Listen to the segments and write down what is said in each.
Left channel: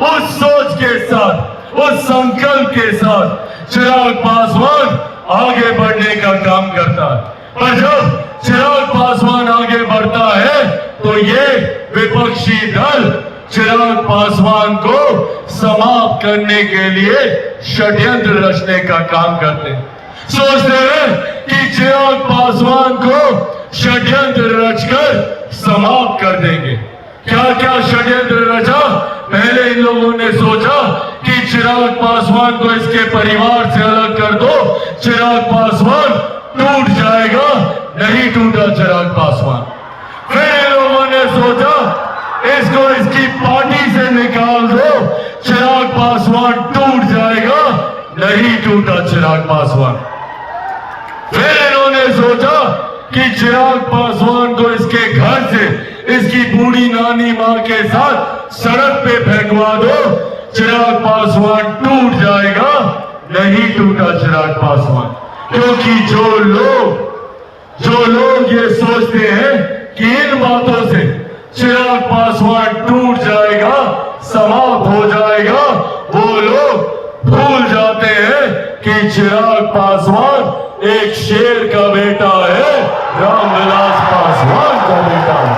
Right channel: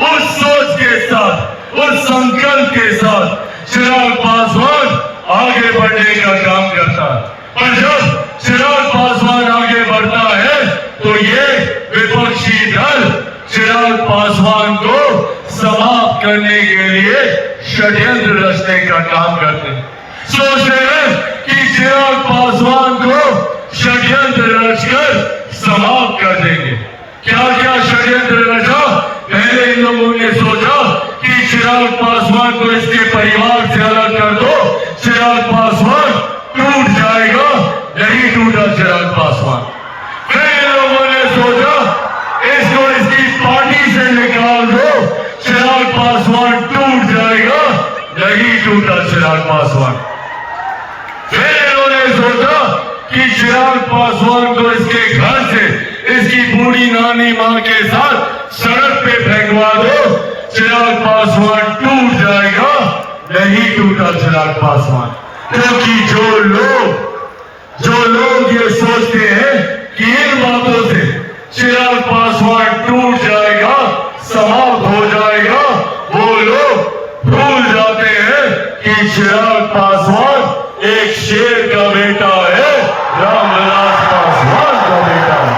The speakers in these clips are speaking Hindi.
उस सोच के साथ, उस संकल्प के साथ चिराग पासवान आगे बढ़ने का काम करता है। और जब चिराग पासवान आगे बढ़ता है तो ये विपक्षी दल चिराग पासवान को समाप्त करने के लिए षड्यंत्र रचने का काम करते हैं। सोच रहे हैं कि चिराग पासवान को षड्यंत्र रचकर समाप्त कर देंगे। क्या क्या षड्यंत्र रचा? पहले इन लोगों ने सोचा कि चिराग पासवान को इसके परिवार से अलग कर दो, चिराग पासवान टूट जाएगा। नहीं टूटा चिराग पासवान। फिर इन लोगों ने सोचा इसको इसकी पार्टी से निकाल दो, चिराग पासवान टूट जाएगा। नहीं टूटा चिराग पासवान। फिर इन्होंने सोचा कि चिराग पासवान को इसके घर से इसकी बूढ़ी नानी मां के साथ सड़क पे फेंकवा दो, चिराग पासवान टूट जाएगा। नहीं टूटा चिराग पासवान। क्योंकि जो लोग ये सोचते हैं कि इन बातों से चिराग पासवान टूट जाएगा, समाप्त हो जाएगा, वो लोग भूल जाते हैं कि चिराग पासवान एक शेर का बेटा है, रामविलास पासवान का बेटा है।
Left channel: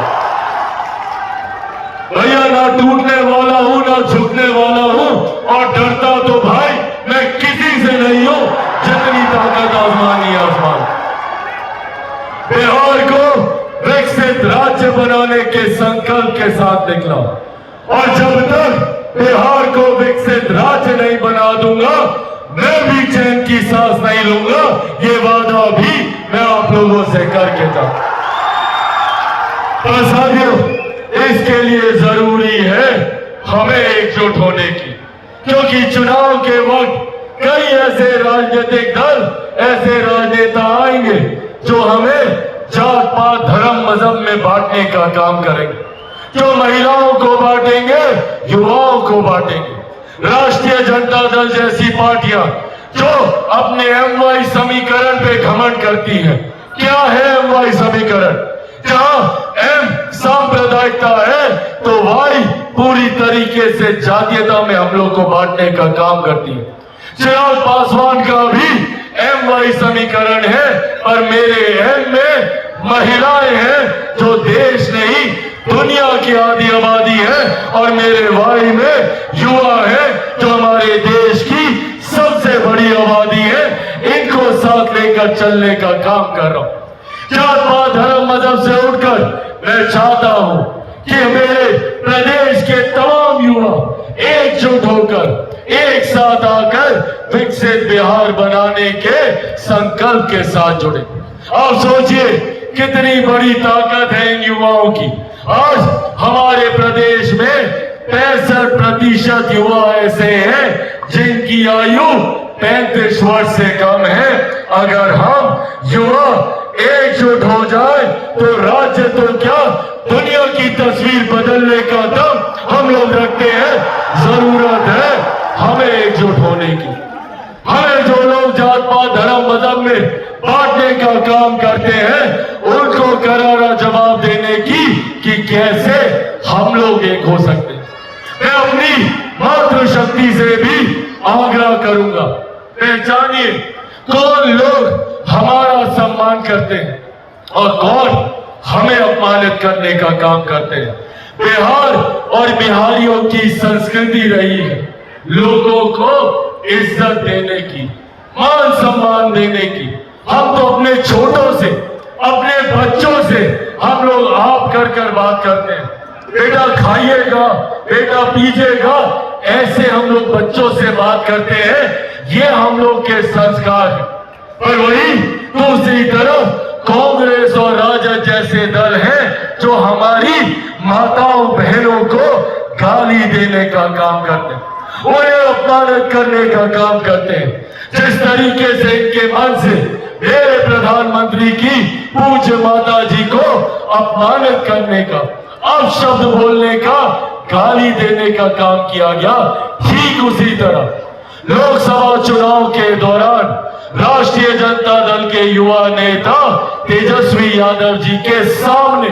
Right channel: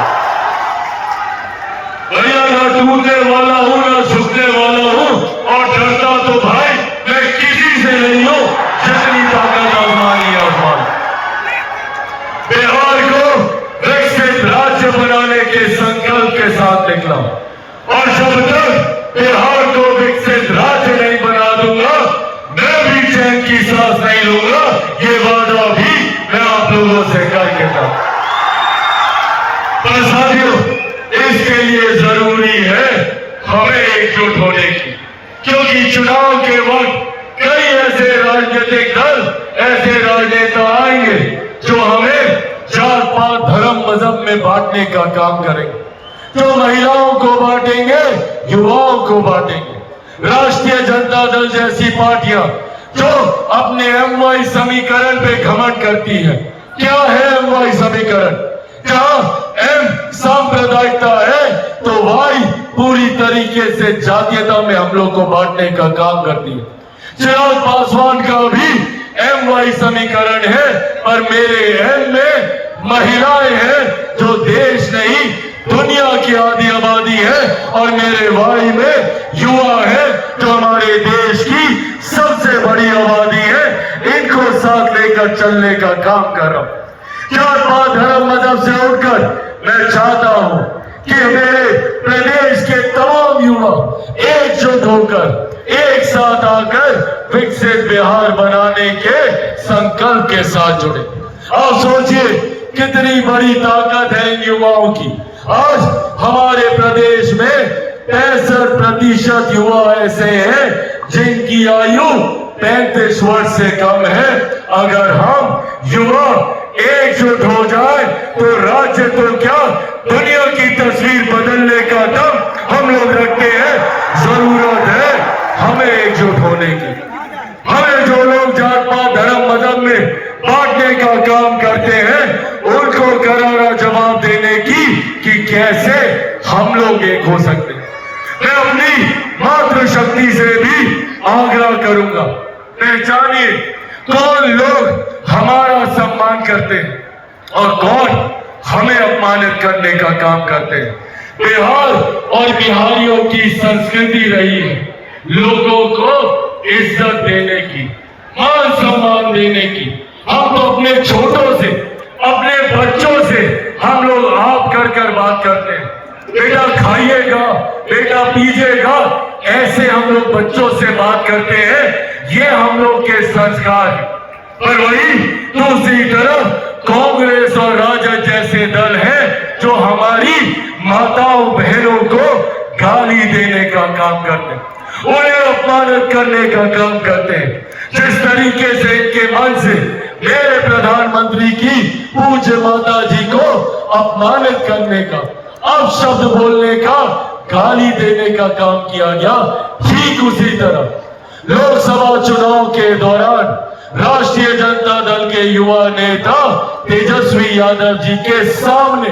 भैया ना टूटने वाला हूं ना झुकने वाला हूं, और डरता तो भाई मैं किसी से नहीं हूं, जितनी ताकत आजमाई आसमान। बिहार को विकसित राज्य बनाने के संकल्प के साथ निकला, और जब तक बिहार को विकसित राज्य नहीं बना दूंगा, मैं भी चैन की सांस नहीं लूंगा। ये वादा भी मैं आप लोगों से करके जाऊं। पर साथियों, इसके लिए जरूरी है हमें एकजुट होने की, क्योंकि चुनाव के वक्त कई ऐसे राजनीतिक दल, ऐसे राजनेता आएंगे जो हमें जात पात धर्म मजहब में बांटने का काम करेंगे, जो महिलाओं को बांटेंगे, युवाओं को बांटेंगे। राष्ट्रीय जनता दल जैसी पार्टियां जो अपने एमवाई समीकरण पे घमंड करती है। क्या है एमवाई समीकरण? जहां एम सांप्रदायिकता है तो वाई पूरी तरीके से जातीयता में हम लोग को बांटने का काम करती है। चिराग पासवान का भी एमवाई समीकरण है, पर मेरे एम में महिलाएं हैं जो देश नहीं दुनिया की आधी आबादी है, और मेरे वाई में युवा है जो हमारे देश की सबसे बड़ी आबादी है। इनको साथ लेकर चलने का काम कर रहा हूं। जात पात धर्म मजहब से उठकर मैं चाहता हूं कि मेरे प्रदेश के तमाम युवा एकजुट होकर एक साथ आकर विकसित बिहार बनाने के संकल्प के साथ जुड़े। आप सोचिए कितनी बड़ी ताकत है इन युवाओं की। आज हमारे प्रदेश में 65% युवा ऐसे हैं जिनकी आयु 35 वर्ष से कम है। अगर हम युवा एकजुट हो जाए तो राज्य तो क्या दुनिया की तस्वीर बदलने का दम हम लोग रखते हैं। जरूरत है हमें एकजुट होने की। हमें जो लोग जात पात धर्म मजहब में बांटने का काम करते हैं उनको करारा जवाब देने की कि कैसे हम लोग एक हो सकते हैं। मैं अपनी मातृशक्ति से भी आग्रह करूंगा, पहचानिए कौन लोग हमारा सम्मान करते हैं और कौन हमें अपमानित करने का काम करते हैं। बिहार और बिहारियों की संस्कृति रही है लोगों को इज्जत देने की, मान सम्मान देने की। हम तो अपने छोटों से, अपने बच्चों से हम लोग आप कर बात करते हैं। बेटा खाइएगा, बेटा पीजिएगा, ऐसे हम लोग बच्चों से बात करते हैं। ये हम लोग के संस्कार है। पर वही दूसरी तरफ कांग्रेस और राजद जैसे दल हैं जो हमारी माताओं बहनों को गाली देने का काम करते हैं, उन्हें अपमानित करने का काम करते हैं। जिस तरीके से इनके मन से मेरे प्रधानमंत्री की पूज्य माता जी को अपमानित करने का, अपशब्द बोलने का, गाली देने का काम किया गया, ठीक उसी तरह लोकसभा चुनाव के दौरान राष्ट्रीय जनता दल के युवा नेता तेजस्वी यादव जी के सामने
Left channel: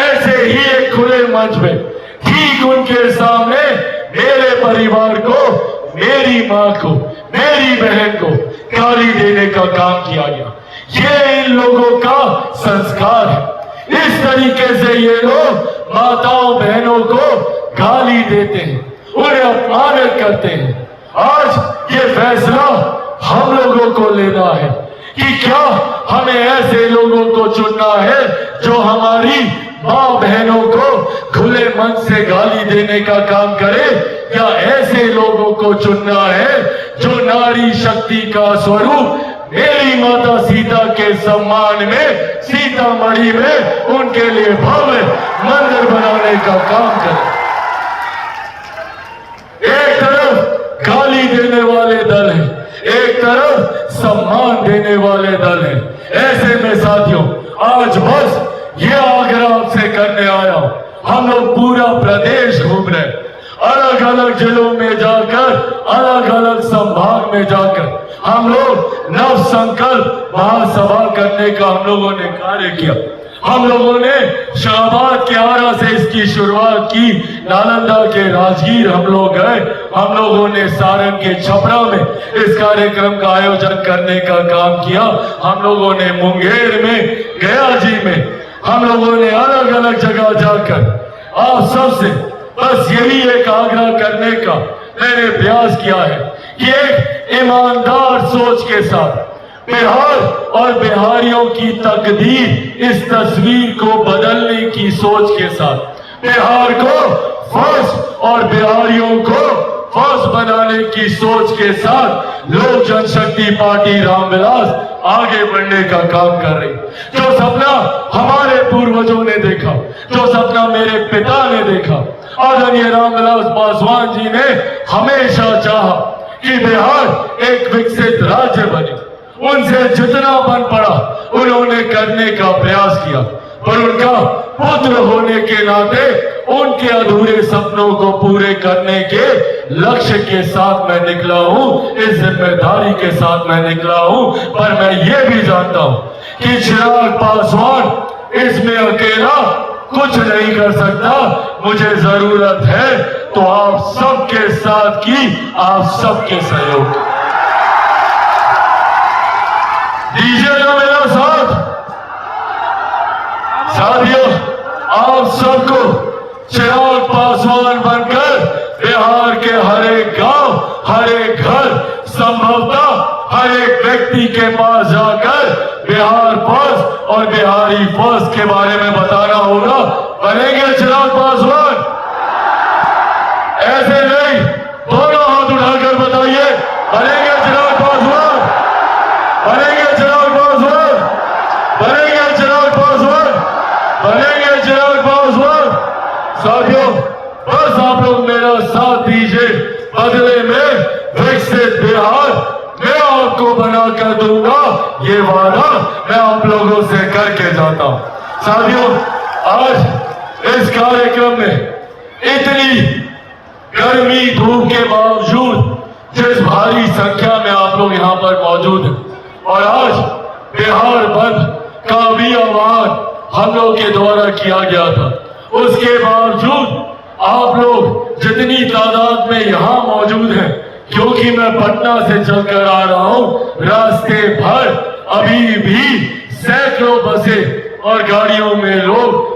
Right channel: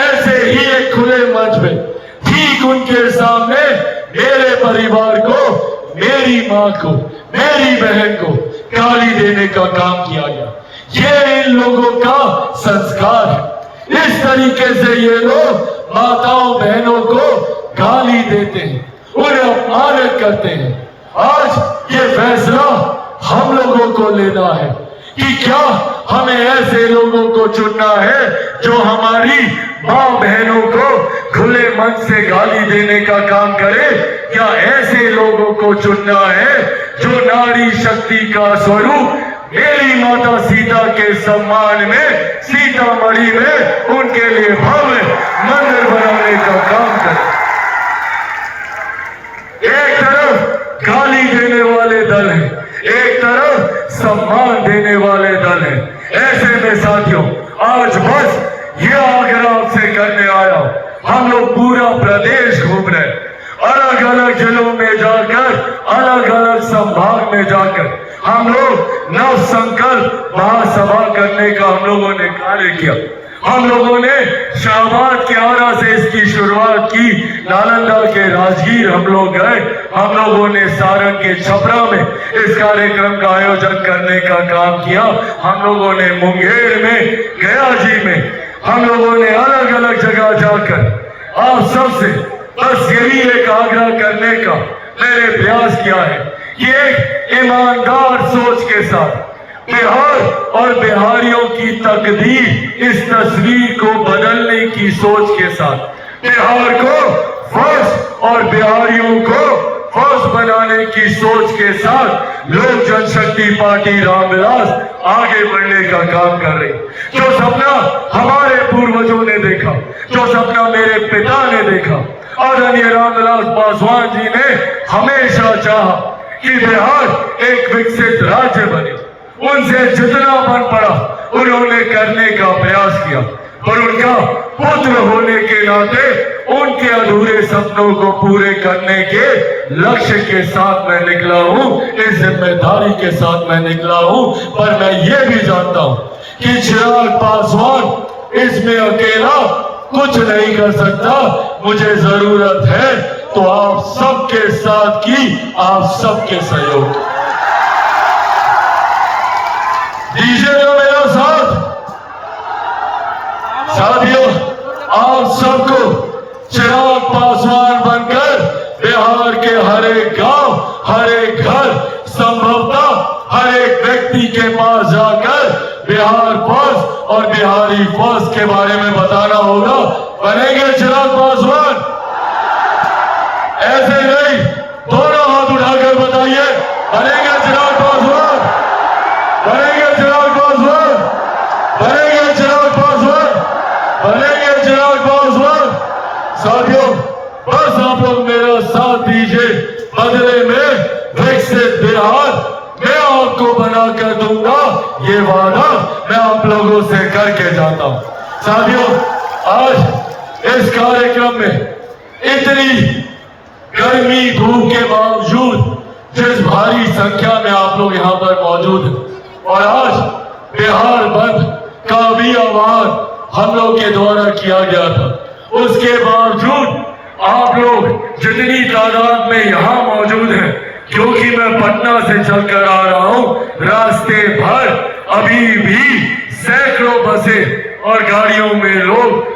ऐसे ही एक खुले मंच में ठीक उनके सामने मेरे परिवार को, मेरी माँ को, मेरी बहन को गाली देने का काम किया गया। ये इन लोगों का संस्कार है। इस तरीके से ये लोग माताओं बहनों को गाली देते हैं, उन्हें अपमानित करते हैं। आज ये फैसला हम लोगों को लेना है कि क्या हमें ऐसे लोगों को चुनना है जो हमारी माँ बहनों को खुले मन से गाली देने का काम करे, या ऐसे लोगों को चुनना है जो नारी शक्ति का स्वरूप मेरी माता सीता के सम्मान में सीतामढ़ी में उनके लिए भव्य मंदिर बनाने का काम करे। एक तरफ गाली देने वाले दल हैं, एक तरफ सम्मान देने वाले दल हैं। ऐसे में साथियों, आज बस ये आग्रह आपसे करने आया हूं, हम लोग पूरा प्रदेश घूम रहे, अलग अलग जिलों में जाकर, अलग अलग संभाग में जाकर हम लोग नव संकल्प महासभा करने का हम लोगों ने कार्य किया। हम लोगों ने शाहबाद के आरा से इसकी शुरुआत की, नालंदा के राजगीर हम लोग गए, हम लोगों ने सारण के छपरा में इस कार्यक्रम का आयोजन करने का काम किया, हम लोगों ने मुंगेर में, गया जी में, हम लोगों ने अलग अलग जगह जाकर आप सबसे बस यही एक आग्रह करने का मैंने प्रयास किया है कि एक ईमानदार सोच के साथ बिहार और बिहारियों की तकदीर, इस तस्वीर को बदलने की सोच के साथ बिहार को फर्स्ट और बिहारियों को फर्स्ट बनाने की सोच के साथ लोक जनशक्ति पार्टी रामविलास आगे बढ़ने का काम कर रही। जो सपना हमारे पूर्वजों ने देखा, जो सपना मेरे पिता ने देखा, आदरणीय रामविलास पासवान जी ने हमेशा चाहा कि बिहार एक विकसित राज्य बने, उनसे जितना बन पड़ा उन्होंने करने का प्रयास किया, पर उनका पुत्र होने के नाते उनके अधूरे सपनों को पूरे करने के लक्ष्य के साथ मैं निकला हूं, इस जिम्मेदारी के साथ मैं निकला हूं। पर मैं ये भी जानता हूं कि चिराग पासवान इसमें अकेला कुछ नहीं कर सकता, मुझे जरूरत है तो आप सबके साथ की, आप सबके सहयोग। दीजिएगा मेरा साथ। साथियों, आप सबको चिराग पासवान बनकर बिहार के हर एक गांव, हर एक घर, संभवतः हर एक व्यक्ति के पास जाकर बिहार फर्स्ट और बिहारी फर्स्ट के बारे में बताना होगा। बनेंगे चिराग पासवान? ऐसे नहीं, दोनों हाथ उठाकर बताइए, बनेंगे चिराग पासवान? बनेंगे चिराग पासवान? बनेंगे चिराग पासवान? बनेंगे चिराग पासवान? साथियों, बस आप लोग मेरा साथ दीजिए, बदले में विकसित बिहार मैं आपको बनाकर दूंगा, ये वादा मैं आप लोगों से करके जाता हूं। साथियों, आज इस कार्यक्रम में इतनी गर्मी धूप के बावजूद जिस भारी संख्या में आप लोग यहाँ पर मौजूद हैं, और आज बिहार बंद का भी आह्वान हम लोग के द्वारा किया गया था, उसके बावजूद आप लोग जितनी तादाद में यहाँ मौजूद हैं, क्योंकि मैं पटना से चलकर आ रहा हूँ, रास्ते भर अभी भी सैकड़ों बसें और गाड़ियों में लोग,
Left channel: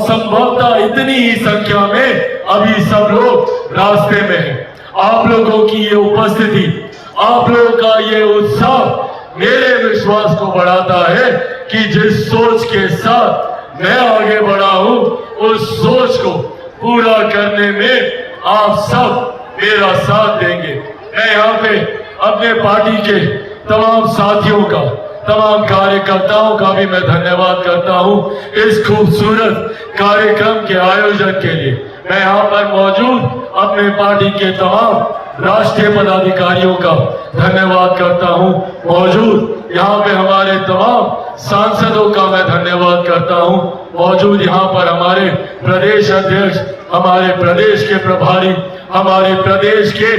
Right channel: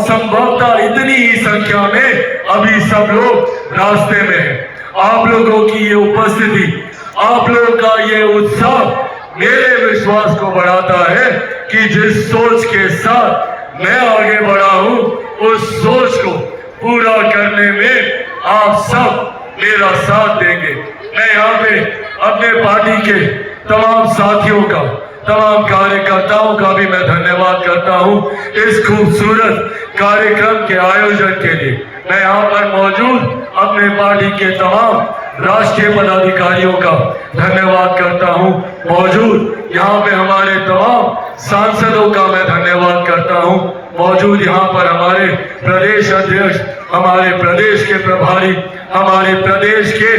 संभवतः इतनी ही संख्या में अभी सब लोग रास्ते में हैं। आप लोगों की ये उपस्थिति, आप लोगों का ये उत्साह मेरे विश्वास को बढ़ाता है कि जिस सोच के साथ मैं आगे बढ़ा हूं, उस सोच को पूरा करने में आप सब मेरा साथ देंगे। मैं यहाँ पे अपने पार्टी के तमाम साथियों का, तमाम कार्यकर्ताओं का भी मैं धन्यवाद करता हूँ इस खूबसूरत कार्यक्रम के आयोजन के लिए। मैं यहाँ पर मौजूद अपने पार्टी के तमाम राष्ट्रीय पदाधिकारियों का धन्यवाद करता हूँ, मौजूद यहाँ पे हमारे तमाम सांसदों का मैं धन्यवाद करता हूँ, मौजूद यहाँ पर हमारे प्रदेश अध्यक्ष, हमारे प्रदेश के प्रभारी, हमारे प्रदेश के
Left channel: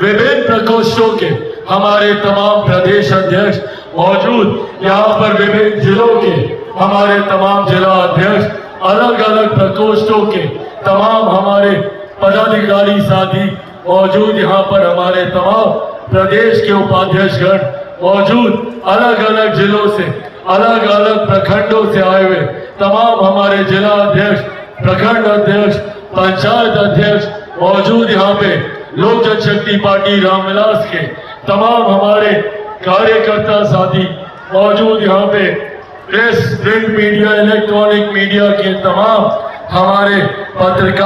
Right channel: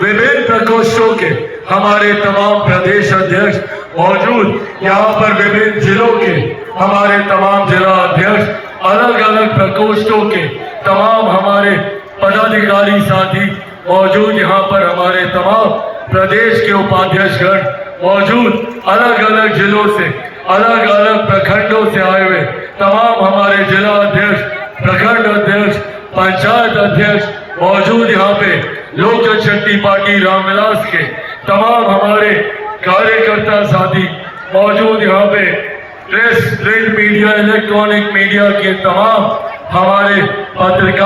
विभिन्न प्रकोष्ठों के हमारे तमाम प्रदेश अध्यक्ष मौजूद, यहाँ पर विभिन्न जिलों के हमारे तमाम जिला अध्यक्ष, अलग अलग प्रकोष्ठों के तमाम हमारे पदाधिकारी साथी मौजूद, यहाँ पर हमारे तमाम प्रदेश के उपाध्यक्षगण मौजूद, अलग अलग जिलों से, अलग अलग प्रखंडों से आए हुए तमाम हमारे जिला अध्यक्ष, प्रखंड अध्यक्ष, पंचायत अध्यक्ष मौजूद, यहाँ पे लोक जनशक्ति पार्टी रामविलास के तमाम हमारे कार्यकर्ता साथी मौजूद, यहाँ पे press, print media, electronic media के तमाम हमारे पत्रकार